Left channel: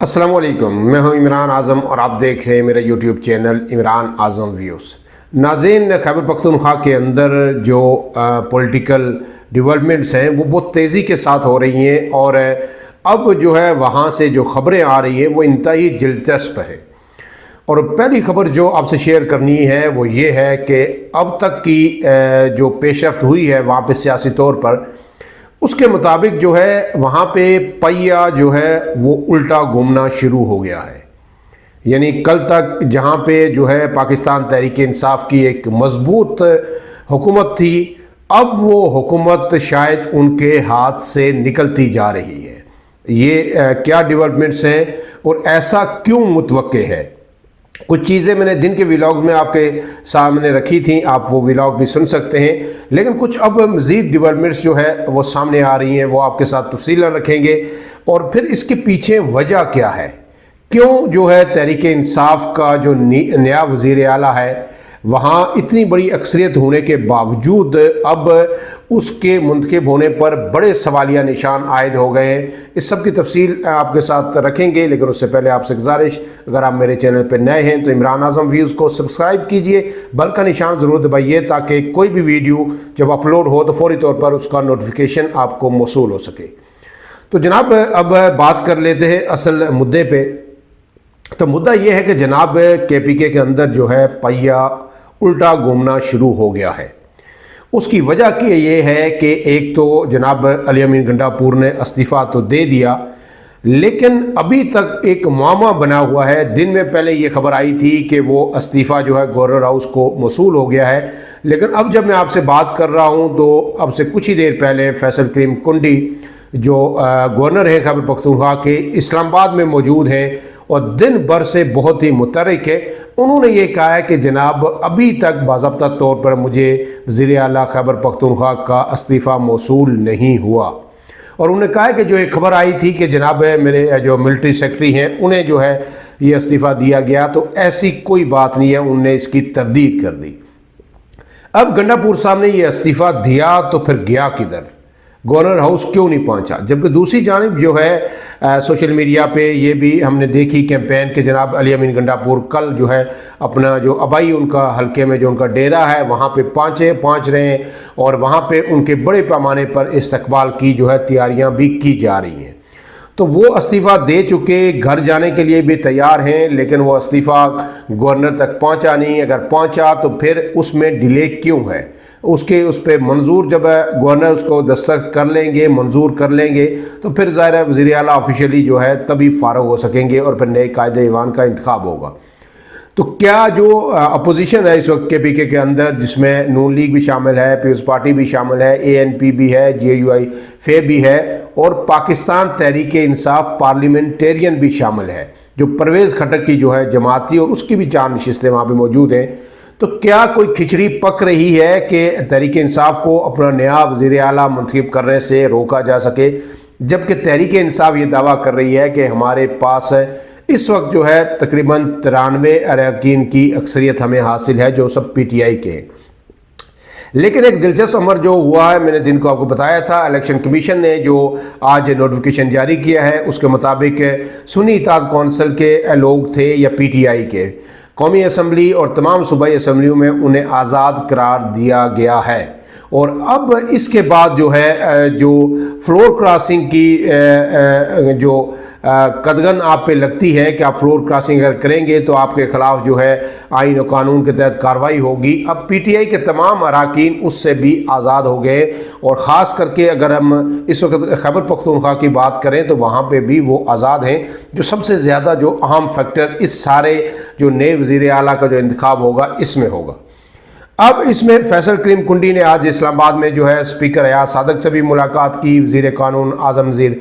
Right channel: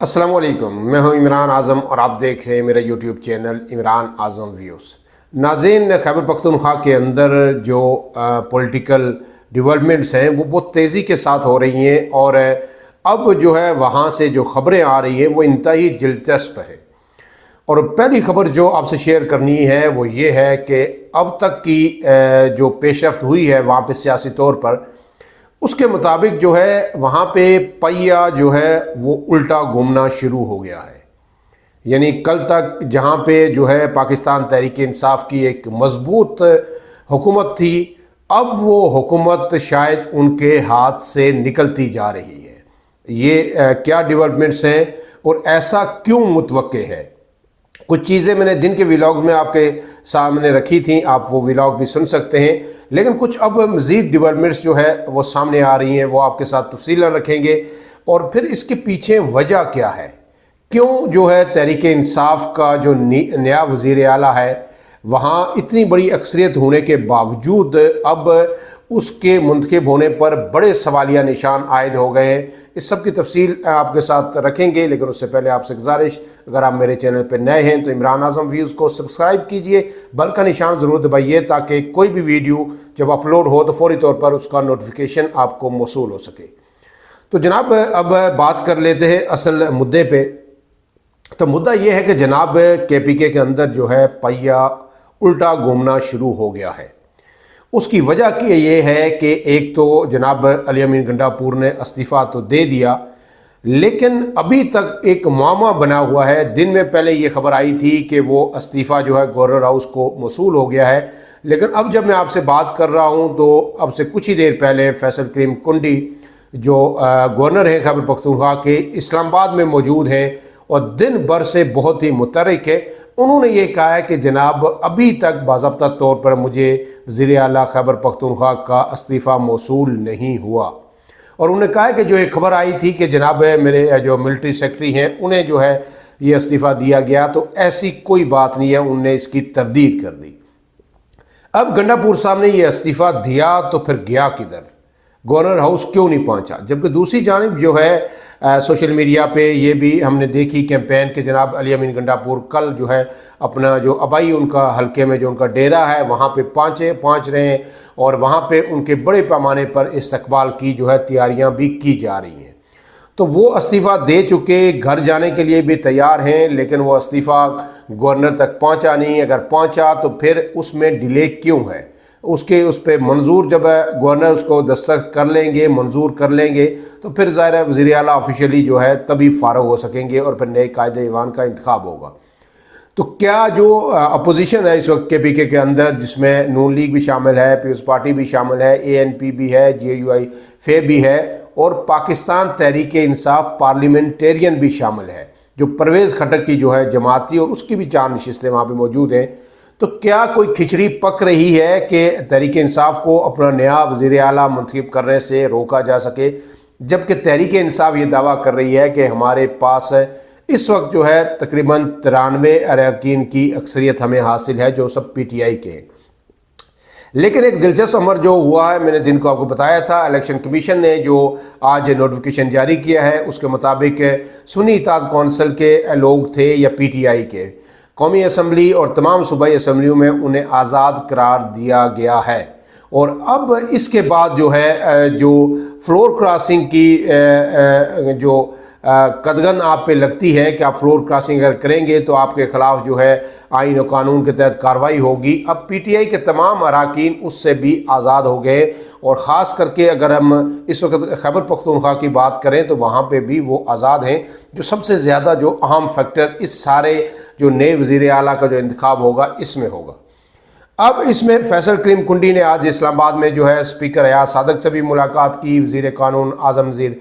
السلام علیکم، میں ہوں عمران اعظم اور آپ دیکھ رہے ہیں میرا یوٹیوب چینل عمران اعظم ویوز۔ ناظرین، خیبر پختونخوا کے اندر جو پولیٹیکل ڈیولپمنٹس ہیں وہ بہت تیزی کے ساتھ ہو رہی ہیں، اور اب جو ہے وہاں سے جو خبریں آ رہی ہیں وہ انتہائی دلچسپ ہے۔ اور پہلی خبر جو آپ سے شیئر کرنی ہے وہ یہ ہے کہ اب تک کی جو پیش رفت ہوئی ہے وہاں پہ سیاسی طور پر، اس کے مطابق جو ہے وہاں پہ پہیہ جو ہے وہ الٹا گھومنا شروع ہو گیا ہے۔ یعنی کل تک جہاں پہ جو ہے پاکستان تحریک انصاف کی ایک مضبوط حکومت تھی، اب وہ حکومت شاید ان کے ہاتھ سے نکلتی جا رہی ہے۔ یہ کیا ڈیولپمنٹس ہیں اور ایسا کیوں متوقع ہے؟ کچھ چیزیں میں نے دن کے ویلاگ میں آپ کے سامنے رکھی تھیں، آپ وہ ویلاگ بھی سن سکتے ہیں، لیکن کچھ اب مزید ڈیولپمنٹس جو ہے وہ سامنے آ رہی ہیں، وہ آپ کے ساتھ تفصیل رکھیں گے۔ اور پھر اس کے پیچھے وجہ کیا ہے، کیوں جو ہے تحریک انصاف کا جو نیا وزیر اعلیٰ ہے وہاں اتنی بڑی اکثریت ہونے کے باوجود اب اس کے منتخب ہونے پر بڑے سوالیہ نشان عائد ہو گئے ہیں۔ اس سب کی تفصیل آپ کے ساتھ رکھیں گے، لیکن اس سے پہلے آپ سے گزارش، اگر آپ میرے چینل پہ نئے ہیں تو عمران اعظم ویوز کو سبسکرائب کیجئے، بیل کا نشان ضرور دبائیے تاکہ کوئی بھی ویڈیو جب اپلوڈ ہو تو فوری طور پر اس کا نوٹیفیکیشن آپ کو موصول ہو سکے۔ تو جناب اب بات کر لیتے ہیں اصل مدعے پہ۔ تو مدعا یہ ہے کہ جناب KPK کے اندر جو ہے پہیہ الٹا گھومنا شروع ہو گیا ہے۔ اس کی وجہ یہ ہے کہ ایک تو جناب علی امین گنڈاپور نے استعفیٰ تو دے دیا، لیکن ابھی تک ایک معمہ بنا ہوا ہے۔ دن میں پہلے یہ خبر آئی تھی کہ وہ استعفیٰ جو ہے گورنر ہاؤس کو موصول ہو گیا ہے، لیکن اب جب میں آپ سے بات کر رہا ہوں تو اب سے کچھ ہی دیر پہلے فیصل کریم کنڈی جو گورنر ہے خیبر پختونخوا کے، اسلام آباد میں موجود ہیں اور دن بھر سے بہت ہی متحرک ہے۔ انہوں نے یہ کہا ہے کہ جناب ابھی تک باضابطہ طور پر مجھے وزیر اعلیٰ خیبر پختونخوا کا استعفیٰ موصول نہیں ہوا، اور انہوں نے کہا ہے کہ جو ایک خبر آئی تھی کہ جناب میرے جو ملٹری سیکرٹری ہیں انہیں جو ہے یہ استعفیٰ دیا گیا، تو ایسی کوئی بات نہیں ہے، انہوں نے اس کی تردید کر دی۔ اب گنڈاپور صاحب نے یہ استعفیٰ دیا تو پھر گیا کدھر؟ گورنر ہاؤس کیوں نہیں پہنچا؟ جبکہ دوسری جانب جو ہے سوشل میڈیا پہ یہ بھی ہم نے دیکھی کیمپین کہ جناب علی امین گنڈاپور کل جو ہے اپنا جو ابائی ان کا حلقے میں جو ان کا ڈیرہ ہے وہاں پہ پہنچ رہے ہیں، اور وہاں پہ ان کے بڑے پیمانے پر استقبال کی جو ہے تیاریاں بھی کی جا رہی ہیں۔ تو وہ استعفیٰ دے چکے، گھر جانے کے لیے بھی تیار ہیں، لیکن وہ استعفیٰ گورنر تک پہنچا نہیں۔ اگر پہنچا تو پھر اس میں ڈیلے کیوں ہے؟ اس پہ منظور جب گورنر اس کو دستخط کر لیں گے، منظور کر لیں گے، تو پھر ظاہر ہے وزیر اعلیٰ آفیشیلی جو ہے تبھی فارغ ہو سکیں گے اور پھر نئے قائد ایوان کا انتخاب ہوگا۔ تو کیا جو اپوزیشن ہے اس وقت KPK کے اندر، جس میں نون لیگ بھی شامل ہے، پیپلز پارٹی بھی شامل ہے، ANP بھی ہے، JUI فے بھی ہے، اور پاکستان تحریک انصاف پارلیمنٹیرین بھی شامل ہے، جو پرویز خٹک کی جو ہے جماعت تھی، اور اس کی بھی 4 نشستیں وہاں پہ موجود ہیں۔ تو کیا کوئی کھچڑی پک رہی ہے کہ تحریک انصاف کو اپنا نیا وزیر اعلیٰ منتخب کرنے سے روکا جا سکے، جبکہ تحریک انصاف یہ دعویٰ کر رہی ہے کہ ہمارے پاس اس وقت جو ہے تقریباً 93 اراکین کی اکثریت ہمیں حاصل ہے جو سب PTI کے ہیں۔ لیکن ایک دلچسپ امر جو ہوا ہے، میں نے دن کو آپ کو بتایا تھا، الیکشن کمیشن نے جو آج نوٹیفیکیشن جاری کیا ہے اس کے مطابق سنی اتحاد کونسل کے لوگ تھے یا PTI کے، قومی اسمبلی اور تمام صوبائی اسمبلیوں میں انہیں آزاد قرار دیا گیا ہے۔ اور اب اس کے بعد جو ہے جو فلور کراسنگ کی جو قدغن آپ پہ لگتی ہے کہ آپ فلور کراسنگ اگر کریں گے تو آپ کے خلاف جو ہے آئین و قانون کے تحت کارروائی ہوگی۔ اب PTI کے تمام اراکین اس سے بھی آزاد ہو گئے، اور خاص کر کے اگر ہم اس وقت خیبر پختونخوا کی بات کریں تو وہاں پہ بھی وہ آزاد ہیں، جو سب سے زیادہ جو اہم فیکٹر اس سارے جو نئے وزیر اعلیٰ کا جو انتخاب ہوگا اس میں ہوگا۔ اب اس میں فیصل کریم کنڈی نے آج اسلام آباد میں جو ہے اسپیکر ایاز صادق سے بھی ملاقات کی، وزیر قانون اعظم وزیر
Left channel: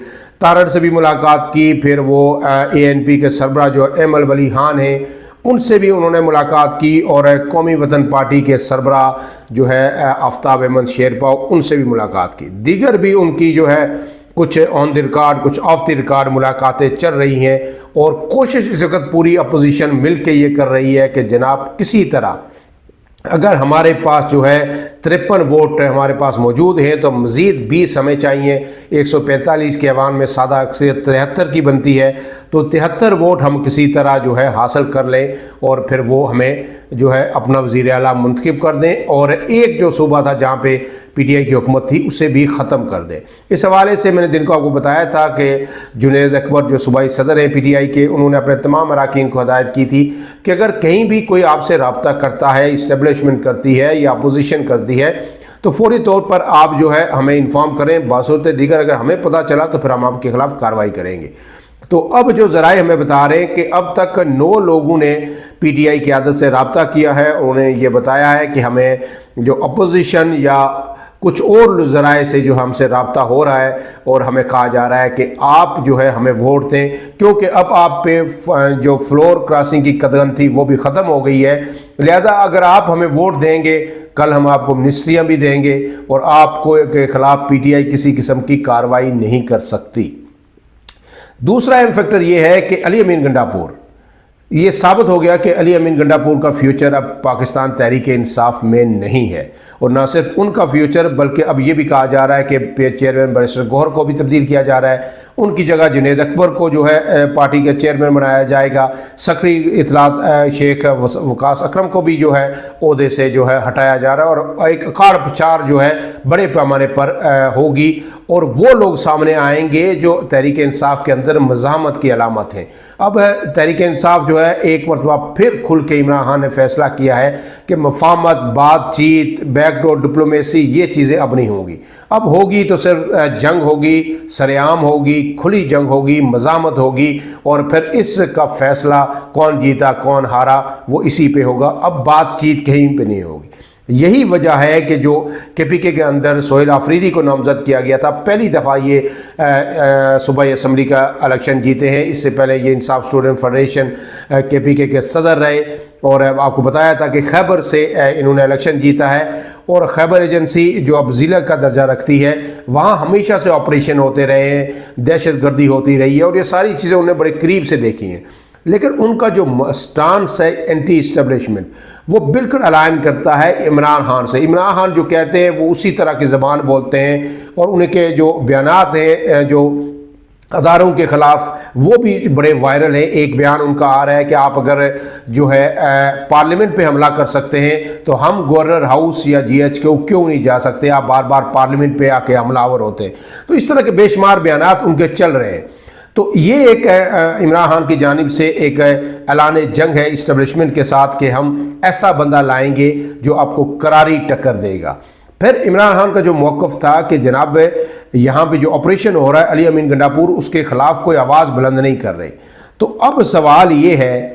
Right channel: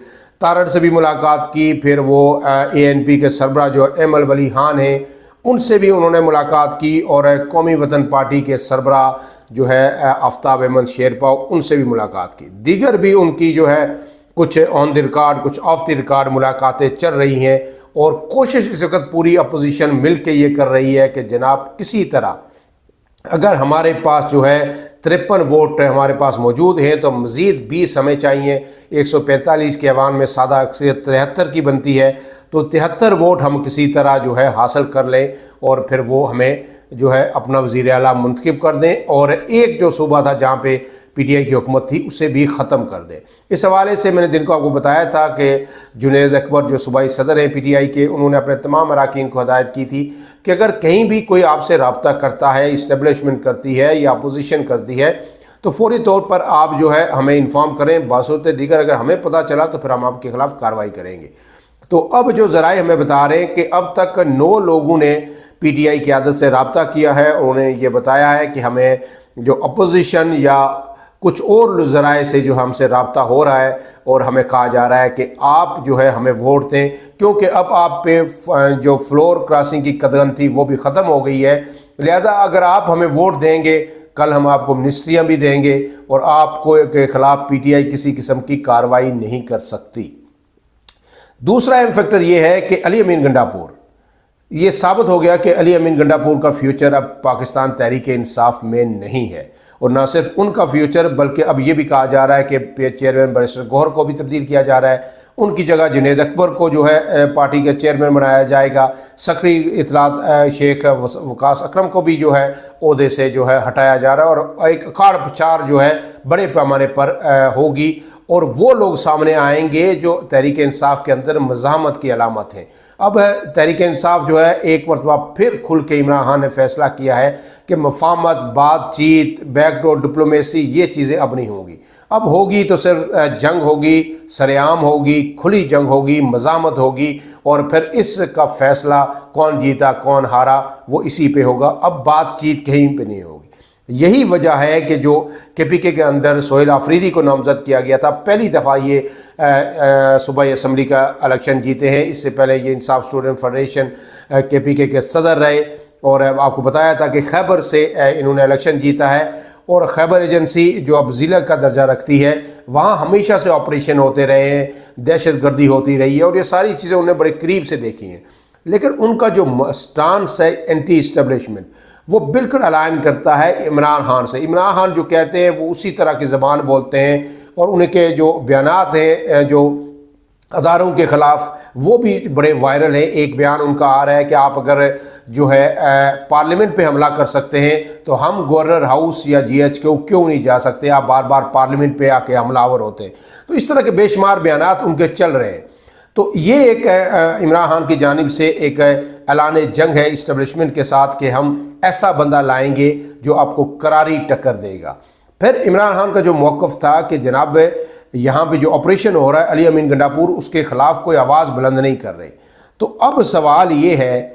تارڑ سے بھی ملاقات کی، پھر وہ ANP کے سربراہ جو ایمل ولی خان ہیں ان سے بھی انہوں نے ملاقات کی، اور قومی وطن پارٹی کے سربراہ جو ہے آفتاب احمد شیرپا ان سے بھی ملاقات کی۔ دیگر بھی ان کی جو ہے کچھ آن دی ریکارڈ کچھ آف دی ریکارڈ ملاقاتیں چل رہی ہیں، اور کوشش اس وقت پوری اپوزیشن مل کے یہ کر رہی ہے کہ جناب کسی طرح اگر ہمارے پاس جو ہے 53 ووٹ ہمارے پاس موجود ہیں تو مزید 20 ہمیں چاہیے، 145 کے ایوان میں سادہ اکثریت 73 کی بنتی ہے، تو 73 ووٹ ہم کسی طرح جو ہے حاصل کر لیں اور پھر وہ ہمیں جو ہے اپنا وزیر اعلیٰ منتخب کر دیں اور ایک جو صوبہ تھا جہاں پہ پی ٹی آئی کی حکومت تھی اسے بھی ختم کر دیں۔ اس حوالے سے میں نے دن کو آپ کو بتایا تھا کہ جنید اکبر جو صوبائی صدر ہیں پی ٹی آئی کے، انہوں نے اپنے تمام اراکین کو ہدایت کی تھی کہ اگر کہیں بھی کوئی آپ سے رابطہ کرتا ہے، اسٹیبلشمنٹ کرتی ہے یا اپوزیشن کرتی ہے، تو فوری طور پر آپ جو ہے ہمیں انفارم کریں، بصورت دیگر اگر ہمیں پتہ چلا تو پھر ہم آپ کے خلاف کارروائی کریں گے۔ تو اب جو ذرائع ہمیں بتا رہے ہیں کہ اب تک 9 لوگوں نے پی ٹی آئی قیادت سے رابطہ کیا ہے، انہوں نے یہ بتایا ہے کہ ہمیں جو اپوزیشن یا کچھ اور ذرائع سے جو ہم سے رابطہ ہو رہا ہے اور ہمیں کہا جا رہا ہے کہ آپ جو ہے ہمیں ووٹ دیں، کیونکہ اب آپ پہ جو فلور کراسنگ کی قدغن تھی وہ بھی ختم ہو گئی ہے، لہٰذا اگر آپ ہمیں ووٹ دیں گے کل ہم آپ کو منسٹریاں بھی دیں گے اور آپ کو کے خلاف پی ٹی آئی کسی قسم کی کارروائی نہیں کر سکتی۔ دوسرا اہم فیکٹر یہ ہے کہ علی امین گنڈاپور، یہ ثابت ہو گیا کہ علی امین گنڈاپور کا فیوچر اب پاکستان تحریک انصاف میں نہیں ہے، اور نہ صرف ان کا فیوچر بلکہ اب یہ بھی کہا جا رہا ہے کہ چیئرمین بیرسٹر گوہر کو بھی تبدیل کیا جا رہا ہے، ان کی جگہ جنید اکبر کو جو ہے پارٹی کے چیئرمین بنایا جائے گا، سکریٹری اطلاعات شیخ وقاص اکرم کو بھی جو ہے عہدے سے جو ہے ہٹایا جا رہا ہے، اور ایک اکھاڑ پچھاڑ جو ہے بڑے پیمانے پر ہوگی، اور وہ لوگ سامنے آئیں گے جو تحریک انصاف کے اندر مزاحمت کی علامت ہیں۔ اب تحریک انصاف جو ہے ایک مرتبہ پھر کھل کے عمران خان نے فیصلہ کیا ہے کہ مفاہمت، بات چیت، بیک ڈور ڈپلومیسی یہ چیزیں اب نہیں ہوں گی، اب ہوگی تو صرف جنگ ہوگی، سرعام ہوگی، کھلی جنگ ہوگی، مزاحمت ہوگی، اور پھر اس کا فیصلہ کون جیتا کون ہارا وہ اسی پہ ہوگا، اب بات چیت کہیں پہ نہیں ہوگی۔ یہی وجہ ہے کہ جو کے پی کے اندر سہیل آفریدی کو نامزد کیا گیا تھا، پہلی دفعہ یہ صوبائی اسمبلی کا الیکشن جیتے ہیں، اس سے پہلے یہ انصاف اسٹوڈنٹ فیڈریشن کے پی کے صدر رہے، اور آپ کو بتایا تھا کہ خیبر سے انہوں نے الیکشن جیتا ہے، اور خیبر ایجنسی جو اب ضلع کا درجہ رکھتی ہے وہاں ہمیشہ سے آپریشن ہوتے رہے ہیں، دہشت گردی ہوتی رہی ہے، اور یہ ساری چیزیں انہوں نے بڑے قریب سے دیکھی ہیں، لیکن ان کا جو سٹانس ہے اینٹی اسٹیبلشمنٹ وہ بالکل الائن کرتا ہے عمران خان سے۔ عمران خان جو کہتے ہیں وہ اسی طرح کی زبان بولتے ہیں، اور ان کے جو بیانات ہیں جو اداروں کے خلاف وہ بھی بڑے وائرل ہیں۔ ایک بیان ان کا آ رہا ہے کہ آپ اگر جو ہے پارلیمنٹ پہ حملہ کر سکتے ہیں تو ہم گورنر ہاؤس یا جی ایچ کے کیوں نہیں جا سکتے، آپ بار بار پارلیمنٹ پہ آ کے حملہ آور ہوتے ہیں۔ تو اس طرح کے بے شمار بیانات ان کے چل رہے ہیں۔ تو یہ ایک عمران خان کی جانب سے ایک اعلان جنگ ہے اسٹیبلشمنٹ کے ساتھ کہ ہم ایسا بندہ لائیں گے جو آپ کو کراری ٹکر دے گا۔ پھر عمران خان کا جو موقف تھا کہ جناب یہاں پہ جو آپریشن ہو رہا ہے علی امین گنڈاپور اس کے خلاف کوئی آواز بلند نہیں کر رہے، تو اب سوال یہ ہے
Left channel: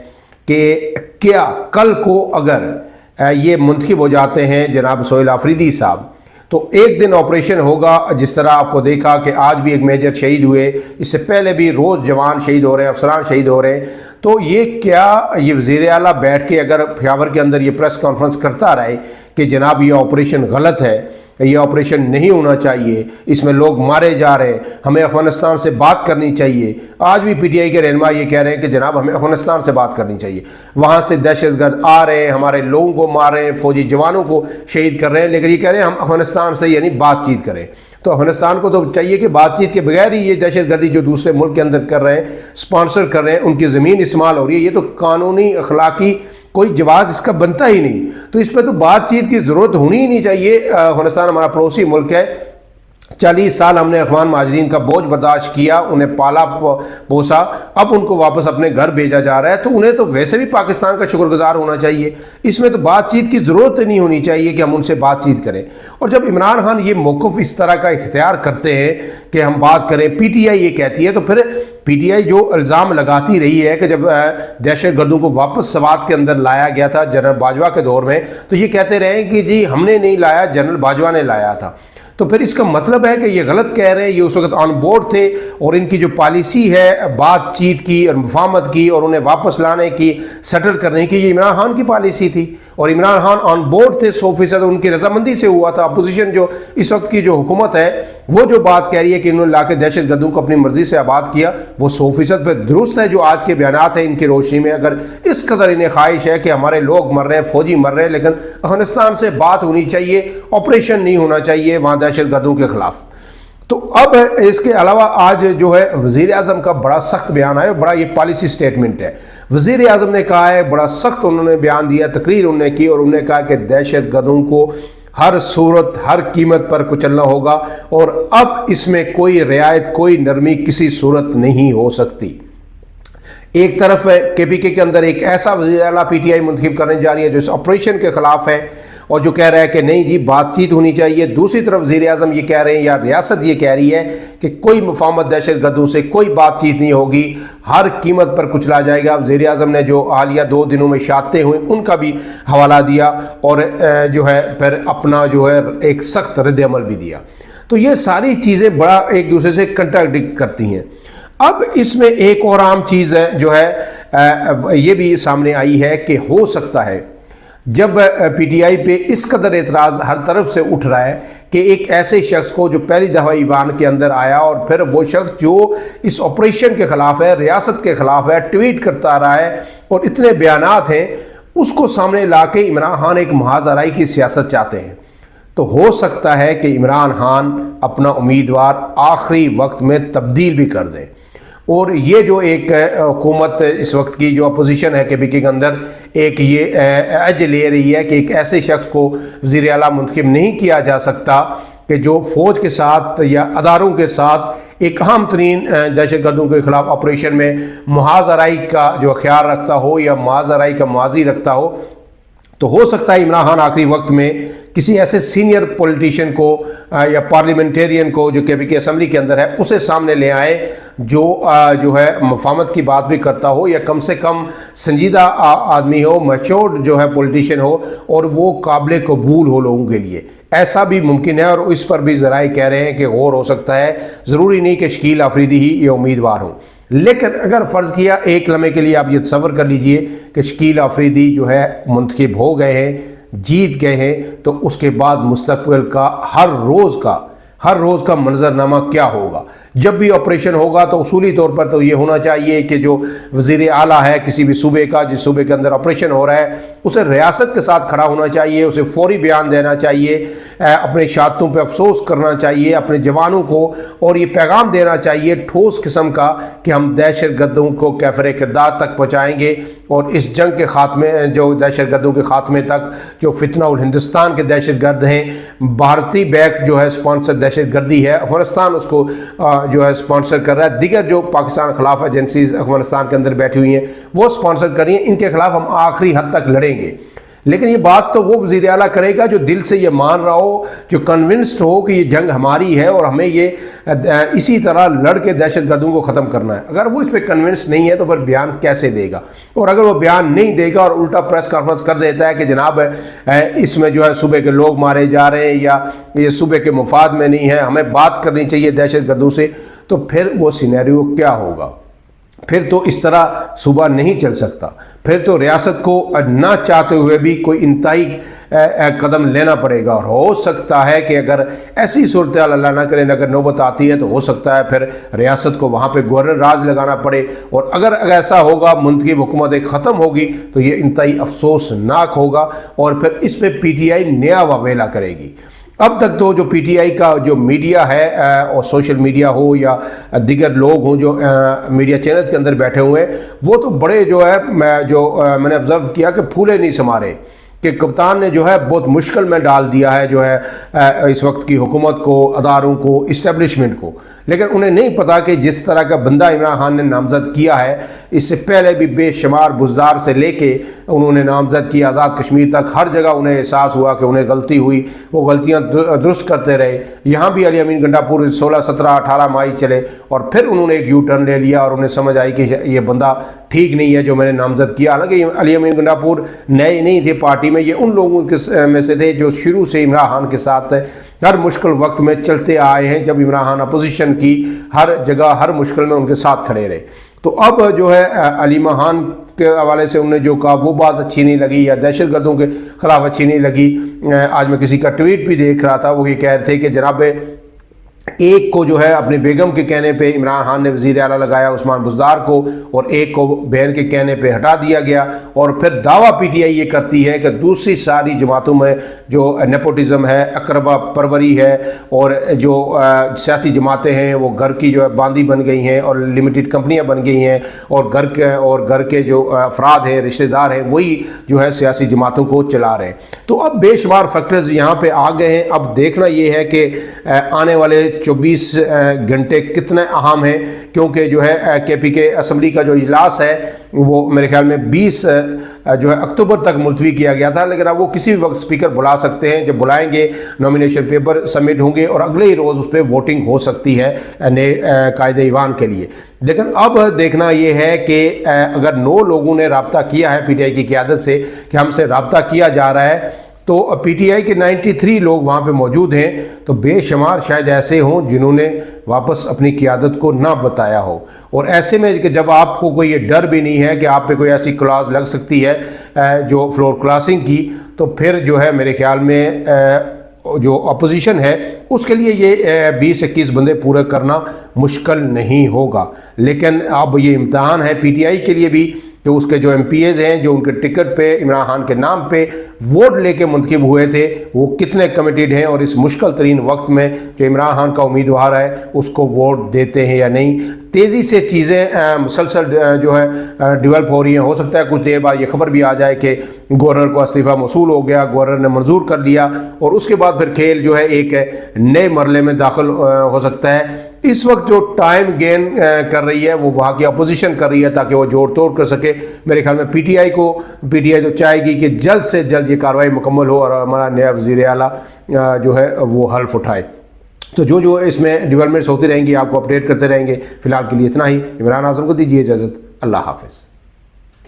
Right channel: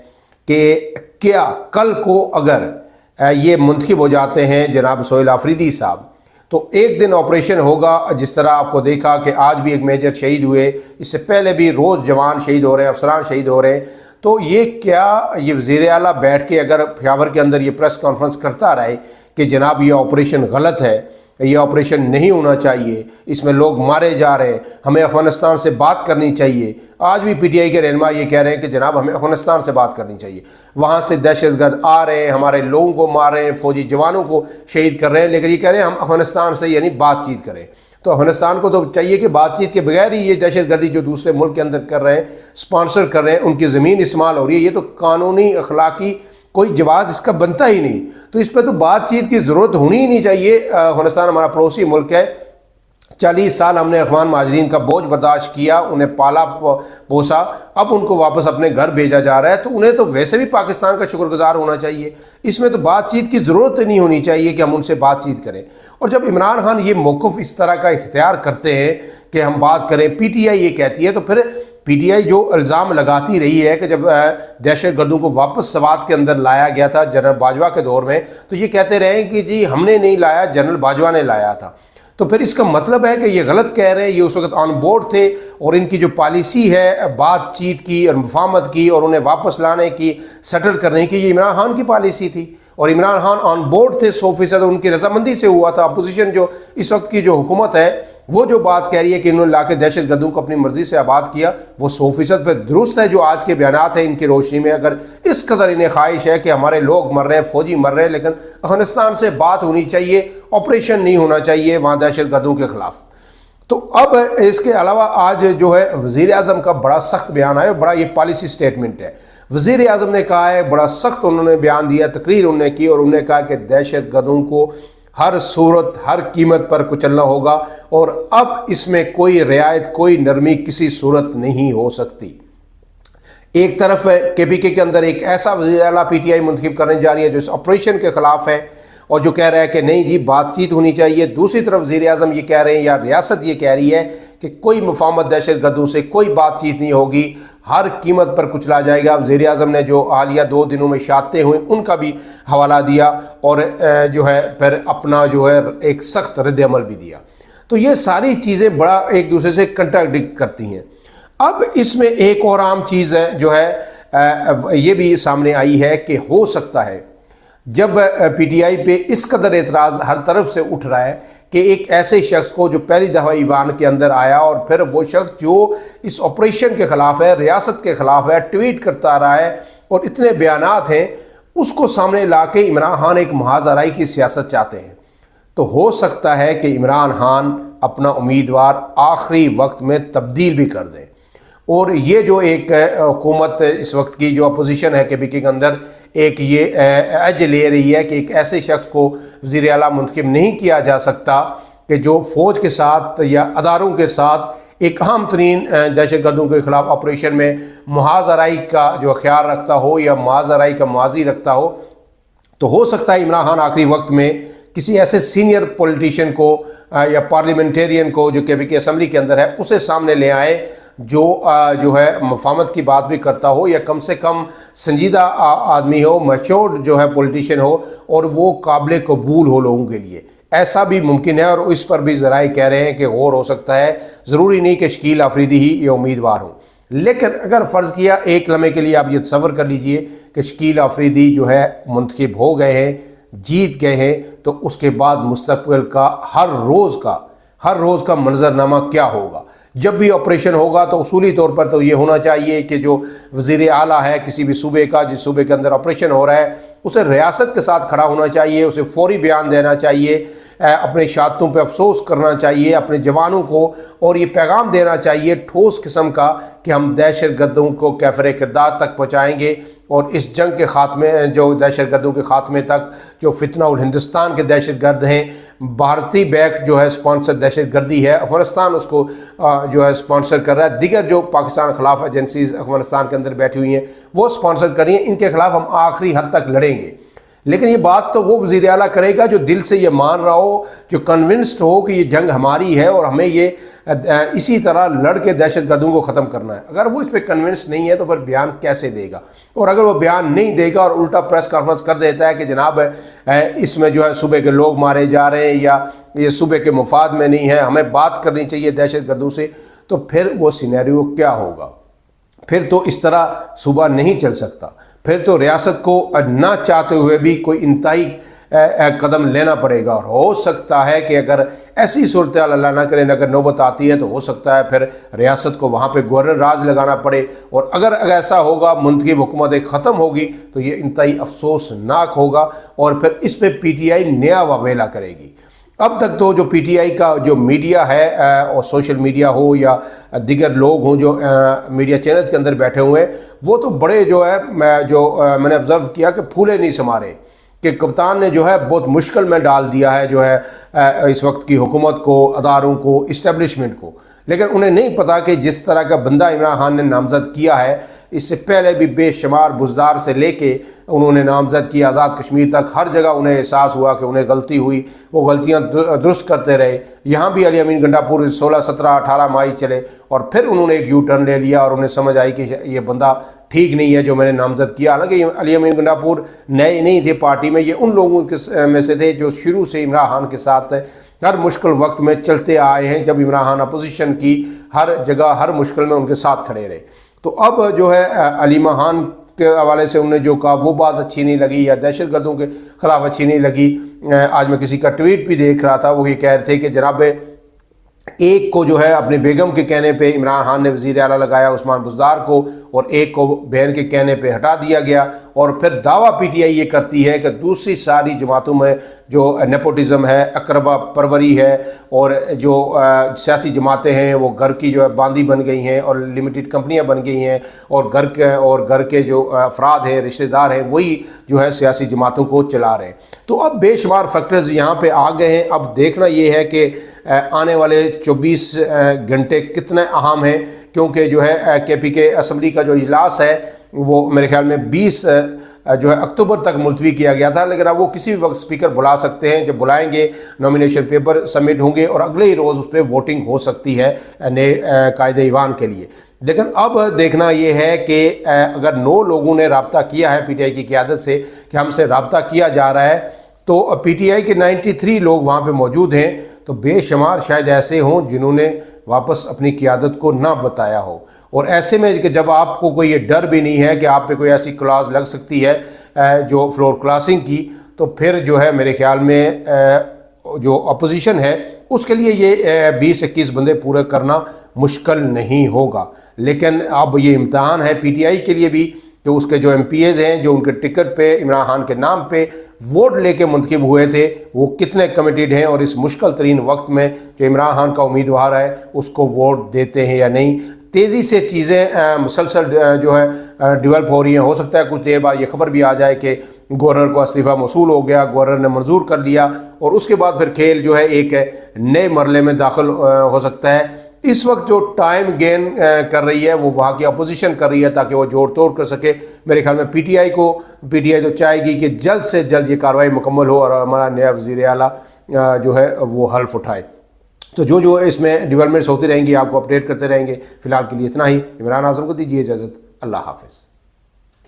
کہ کیا کل کو اگر یہ منتخب ہو جاتے ہیں جناب سہیل آفریدی صاحب تو ایک دن آپریشن ہوگا، جس طرح آپ کو دیکھا کہ آج بھی ایک میجر شہید ہوئے، اس سے پہلے بھی روز جوان شہید ہو رہے ہیں، افسران شہید ہو رہے ہیں، تو یہ کیا یہ وزیر اعلیٰ بیٹھ کے اگر پشاور کے اندر یہ پریس کانفرنس کرتا رہے کہ جناب یہ آپریشن غلط ہے، یہ آپریشن نہیں ہونا چاہیے، اس میں لوگ مارے جا رہے ہیں، ہمیں افغانستان سے بات کرنی چاہیے۔ آج بھی پی ٹی آئی کے رہنما یہ کہہ رہے ہیں کہ جناب ہمیں افغانستان سے بات کرنی چاہیے، وہاں سے دہشت گرد آ رہے ہیں، ہمارے لوگوں کو مار رہے ہیں، فوجی جوانوں کو شہید کر رہے ہیں، لیکن یہ کہہ رہے ہیں ہم افغانستان سے یعنی بات چیت کریں۔ تو افغانستان کو تو چاہیے کہ بات چیت کے بغیر ہی یہ دہشت گردی جو دوسرے ملک کے اندر کر رہے ہیں، اسپانسر کر رہے ہیں، ان کی زمین استعمال ہو رہی ہے، یہ تو قانونی اخلاقی کوئی جواز اس کا بنتا ہی نہیں، تو اس پہ تو بات چیت کی ضرورت ہونی ہی نہیں چاہیے۔ افغانستان ہمارا پڑوسی ملک ہے، 40 سال ہم نے افغان مہاجرین کا بوجھ برداشت کیا، انہیں پالا پوسا، اب ان کو واپس اپنے گھر بھیجا جا رہا ہے، تو انہیں تو ویسے بھی پاکستان کا شکر گزار ہونا چاہیے، اس میں تو بات چیت کی ضرورت نہیں ہونی چاہیے کہ ہم ان سے بات چیت کریں۔ اور جب عمران خان یہ موقف اس طرح کا اختیار کرتے ہیں کہ ہم بات کریں، پی ٹی آئی یہ کہتی ہے، تو پھر پی ٹی آئی جو الزام لگاتی رہی ہے کہ جب دہشت گردوں کو واپس سوات کے اندر لایا گیا تھا جنرل باجوہ کے دور میں، تو یہ کہتے رہے کہ جی ہم نے نہیں لایا، جنرل باجوہ نے لایا تھا، تو پھر اس کا مطلب ہے کہ یہ غلط کہہ رہے ہیں، یہ اس وقت آن بورڈ تھے، اور ان کی جو پالیسی ہے بات چیت کی اور مفاہمت کی اور انہیں واپس لانے کی، سیٹل کرنے کی، یہ عمران خان کی پالیسی تھی، اور عمران خان آن بورڈ تھے 100%، ان کی رضامندی سے ہوا تھا۔ اپوزیشن جو اس وقت کی جو حکومت ہے وہ جو بات کہہ رہی ہے کہ انہوں نے لا کے دہشت گردوں کو اپنی مرضی سے آباد کیا، وہ 100% پہ درست ہے۔ جو آج کے بیانات ہیں ان کی روشنی میں اگر اس قدر انہیں خواہش ہے کہ ہمارے لوگ مر رہے ہیں، فوجی مر رہے ہیں، لیکن افغانستان سے بات ہونی چاہیے، آپریشن نہیں ہونا چاہیے وہاں دہشت گردوں کے خلاف۔ تو اب اس کے علاوہ آج جو ہے وزیر اعظم کا بڑا سخت بیان آیا، بڑا یہ پالیسی سٹیٹمنٹ ہے۔ وزیر اعظم نے کہا ہے، بڑا سخت انہوں نے بیان دیا، تقریر انہوں نے کی، اور انہوں نے کہا کہ دہشت گردوں کو ہر صورت ہر قیمت پر کچلنا ہوگا، اور اب اس میں کوئی رعایت، کوئی نرمی کسی صورت نہیں ہو سکتی۔ ایک طرف ہے کے پی کے اندر ایک ایسا وزیر اعلیٰ پی ٹی آئی منتخب کرنے جا رہی ہے جو اس آپریشن کے خلاف ہے اور جو کہہ رہا ہے کہ نہیں جی بات چیت ہونی چاہیے۔ دوسری طرف وزیر اعظم یہ کہہ رہے ہیں یا ریاست یہ کہہ رہی ہے کہ کوئی مفاہمت دہشت گردوں سے کوئی بات چیت نہیں ہوگی، ہر قیمت پر کچلا جائے گا۔ وزیر اعظم نے جو حالیہ 2 دنوں میں شہادتیں ہوئیں ان کا بھی حوالہ دیا، اور جو ہے پھر اپنا جو ہے ایک سخت رد عمل بھی دیا۔ تو یہ ساری چیزیں بڑا ایک دوسرے سے کنٹراڈکٹ کرتی ہیں۔ اب اس میں ایک اور عام چیز ہے جو ہے یہ بھی سامنے آئی ہے کہ ہو سکتا ہے جب پی ٹی آئی پہ اس قدر اعتراض ہر طرف سے اٹھ رہا ہے کہ ایک ایسے شخص کو جو پہلی دفعہ ایوان کے اندر آیا، اور پھر وہ شخص جو اس آپریشن کے خلاف ہے، ریاست کے خلاف ہے، ٹویٹ کرتا رہا ہے اور اتنے بیانات ہیں، اس کو سامنے لا کے عمران خان ایک محاذ آرائی کی سیاست چاہتے ہیں۔ تو ہو سکتا ہے کہ عمران خان اپنا امیدوار آخری وقت میں تبدیل بھی کر دیں، اور یہ جو ایک حکومت اس وقت کی جو اپوزیشن ہے کے پی کے اندر ایک یہ ایج لے رہی ہے کہ ایک ایسے شخص کو وزیر اعلیٰ منتخب نہیں کیا جا سکتا کہ جو فوج کے ساتھ یا اداروں کے ساتھ ایک اہم ترین دہشت گردوں کے خلاف آپریشن میں محاذ آرائی کا جو خیال رکھتا ہو یا محاذ آرائی کا ماضی رکھتا ہو۔ تو ہو سکتا ہے عمران خان آخری وقت میں کسی ایسے سینئر پولیٹیشین کو یا پارلیمنٹیرین کو جو کے پی کے اسمبلی کے اندر ہے اسے سامنے لے آئے، جو ہے مفاہمت کی بات بھی کرتا ہو، یا کم سے کم سنجیدہ آدمی ہو، میچورڈ جو ہے پولیٹیشین ہو، اور وہ قابل قبول ہو لوگوں کے لیے۔ ایسا بھی ممکن ہے، اور اس پر بھی ذرائع کہہ رہے ہیں کہ غور ہو سکتا ہے، ضروری نہیں کہ شکیل آفریدی ہی یہ امیدوار ہوں۔ لیکن اگر فرض کیا ایک لمحے کے لیے آپ یہ تصور کر لیجئے کہ شکیل آفریدی جو ہے منتخب ہو گئے ہیں، جیت گئے ہیں، تو اس کے بعد مستقبل کا ہر روز کا منظرنامہ کیا ہوگا؟ جب بھی آپریشن ہوگا تو اصولی طور پر تو یہ ہونا چاہیے کہ جو وزیر اعلیٰ ہے کسی بھی صوبے کا، جس صوبے کے اندر آپریشن ہو رہا ہے، اسے ریاست کے ساتھ کھڑا ہونا چاہیے، اسے فوری بیان دینا چاہیے، اپنے شہادتوں پہ افسوس کرنا چاہیے اپنے جوانوں کو، اور یہ پیغام دینا چاہیے ٹھوس قسم کا کہ ہم دہشت گردوں کو کیفر کردار تک پہنچائیں گے، اور اس جنگ کے خاتمے، جو دہشت گردوں کے خاتمے تک، جو فتنہ الہندوستان کے دہشت گرد ہیں، بھارتی بیک جو ہے اسپانسر دہشت گردی ہے، افغانستان اس کو جو ہے اسپانسر کر رہا ہے، دیگر جو پاکستان خلاف ایجنسیز افغانستان کے اندر بیٹھی ہوئی ہیں وہ اسپانسر کر رہی ہیں، ان کے خلاف ہم آخری حد تک لڑیں گے۔ لیکن یہ بات تو وہ وزیر اعلیٰ کرے گا جو دل سے یہ مان رہا ہو، جو کنونسڈ ہو کہ یہ جنگ ہماری ہے اور ہمیں یہ اسی طرح لڑ کے دہشت گردوں کو ختم کرنا ہے۔ اگر وہ اس پہ کنونس نہیں ہے تو پھر بیان کیسے دے گا؟ اور اگر وہ بیان نہیں دے گا اور الٹا پریس کانفرنس کر دیتا ہے کہ جناب اس میں جو ہے صوبے کے لوگ مارے جا رہے ہیں یا یہ صوبے کے مفاد میں نہیں ہے، ہمیں بات کرنی چاہیے دہشت گردوں سے، تو پھر وہ سینیریو کیا ہوگا؟ پھر تو اس طرح صوبہ نہیں چل سکتا، پھر تو ریاست کو نہ چاہتے ہوئے بھی کوئی انتہائی قدم لینا پڑے گا، اور ہو سکتا ہے کہ اگر ایسی صورتحال اللہ نہ کرے اگر نوبت آتی ہے تو ہو سکتا ہے پھر ریاست کو وہاں پہ گورنر راج لگانا پڑے، اور اگر ایسا ہوگا منتخب حکومت ایک ختم ہوگی تو یہ انتہائی افسوسناک ہوگا، اور پھر اس پہ پی ٹی آئی نیا واویلا کرے گی۔ اب تک تو جو پی ٹی آئی کا جو میڈیا ہے، اور سوشل میڈیا ہو یا دیگر لوگ ہوں جو میڈیا چینلز کے اندر بیٹھے ہوئے ہیں، وہ تو بڑے جو ہے میں نے آبزرو کیا کہ پھولے نہیں سما رہے، کہ کپتان نے جو ہے بہت مشکل میں ڈال دیا ہے جو ہے اس وقت کی حکومت کو، اداروں کو، اسٹیبلشمنٹ کو۔ لیکن انہیں نہیں پتا کہ جس طرح کا بندہ عمران خان نے نامزد کیا ہے، اس سے پہلے بھی بے شمار بزدار سے لے کے انہوں نے نامزد کیا آزاد کشمیر تک، ہر جگہ انہیں احساس ہوا کہ انہیں غلطی ہوئی، وہ غلطیاں درست کرتے رہے۔ یہاں بھی علی امین گنڈاپور 16، 17، 18 ماہ چلے، اور پھر انہوں نے ایک یو ٹرن لے لیا، اور انہیں سمجھ آئی کہ یہ بندہ ٹھیک نہیں ہے جو میں نے نامزد کیا۔ حالانکہ علی امین گنڈاپور نئے نہیں تھے پارٹی میں، یہ ان لوگوں میں سے تھے جو شروع سے عمران خان کے ساتھ ہر مشکل وقت میں چلتے آئے ہیں، جب عمران خان اپوزیشن کی ہر جگہ ہر مشکل میں ان کے ساتھ کھڑے رہے۔ تو اب جو ہے علیمہ خان کے حوالے سے انہوں نے جو کہا وہ بات اچھی نہیں لگی، یا دہشت گردوں کے خلاف اچھی نہیں لگی۔ آج میں کسی کا ٹویٹ بھی دیکھ رہا تھا، وہ یہ کہہ رہے تھے کہ جناب ایک کو جو ہے اپنے بیگم کے کہنے پہ عمران خان نے وزیر اعلیٰ لگایا عثمان بزدار کو، اور ایک کو بہن کے کہنے پہ ہٹا دیا گیا، اور پھر دعویٰ پی ٹی آئی یہ کرتی ہے کہ دوسری ساری جماعتوں میں جو نیپوٹزم ہے، اقربا پروری ہے، اور جو سیاسی جماعتیں ہیں وہ گھر کی جو ہے باندھی بن گئی ہیں اور لمیٹڈ کمپنیاں بن گئی ہیں، اور گھر کے جو افراد ہیں، رشتہ دار ہیں، وہی جو ہے سیاسی جماعتوں کو چلا رہے ہیں۔ تو اب بے شمار فیکٹرز یہاں پہ آ گئے ہیں۔ اب دیکھنا یہ ہے کہ آنے والے 24 گھنٹے کتنے اہم ہیں، کیونکہ جو ہے کے پی کے اسمبلی کا جو اجلاس ہے وہ میرے خیال میں 20 جو ہے اکتوبر تک ملتوی کیا گیا تھا، لیکن اب وہ کسی بھی وقت اسپیکر بلا سکتے ہیں۔ جب بلائیں گے نامینیشن پیپر سبمٹ ہوں گے اور اگلے ہی روز اس پہ ووٹنگ ہو سکتی ہے نئے قائد ایوان کے لیے۔ لیکن اب دیکھنا یہ ہے کہ اگر 9 لوگوں نے رابطہ کیا ہے پی ٹی آئی کی قیادت سے کہ ہم سے رابطہ کیا جا رہا ہے، تو پی ٹی آئی کے 93 لوگ وہاں پہ موجود ہیں، تو بے شمار شاید ایسے ہوں جنہوں نے واپس اپنی قیادت کو نہ بتایا ہو، اور ایسے میں کہ جب آپ کو کوئی یہ ڈر بھی نہیں ہے کہ آپ پہ کوئی ایسی کلاز لگ سکتی ہے جو فلور کلاسنگ کی، تو پھر جو ہے میرے خیال میں جو اپوزیشن ہے اس کے لیے یہ 20-21 بندے پورے کرنا مشکل نہیں ہوگا۔ لیکن اب یہ امتحان ہے پی ٹی آئی کے لیے بھی کہ اس کے جو ایم پی ایز ہیں جو ان کے ٹکٹ پہ عمران خان کے نام پہ ووٹ لے کے منتخب ہوئے تھے، وہ کتنے کمیٹیڈ ہیں، اور اس مشکل ترین وقت میں جو عمران خان کا امیدوار ہے اس کو ووٹ دیتے ہیں یا نہیں۔ تیزی سے چیزیں مسلسل جو ہے ڈیولپ ہو رہی ہیں، ہو سکتا ہے کچھ دیر بعد یہ خبر بھی آ جائے کہ گورنر کو استعفیٰ موصول ہو گیا، گورنر نے منظور کر دیا، اور اس کے بعد پھر کھیل جو ہے ایک نئے مرحلے میں داخل ہو سکتا ہے۔ اس وقت جو ٹائم گین کر رہی ہے وہ وہاں کی اپوزیشن کر رہی ہے تاکہ وہ جوڑ توڑ کر سکے۔ میرے خیال میں پی ٹی آئی تو چاہے گی کہ جلد سے جلد یہ کارروائی مکمل ہو اور ہمارا نیا وزیر اعلیٰ جو ہے وہ حلف اٹھائے۔ تو جو اس میں ڈیولپمنٹس ہوتی رہیں گی آپ کو اپڈیٹ کرتے رہیں گے۔ فی الحال کے لیے اتنا ہی۔ عمران اعظم کو دیجیے اجازت۔ اللہ حافظ۔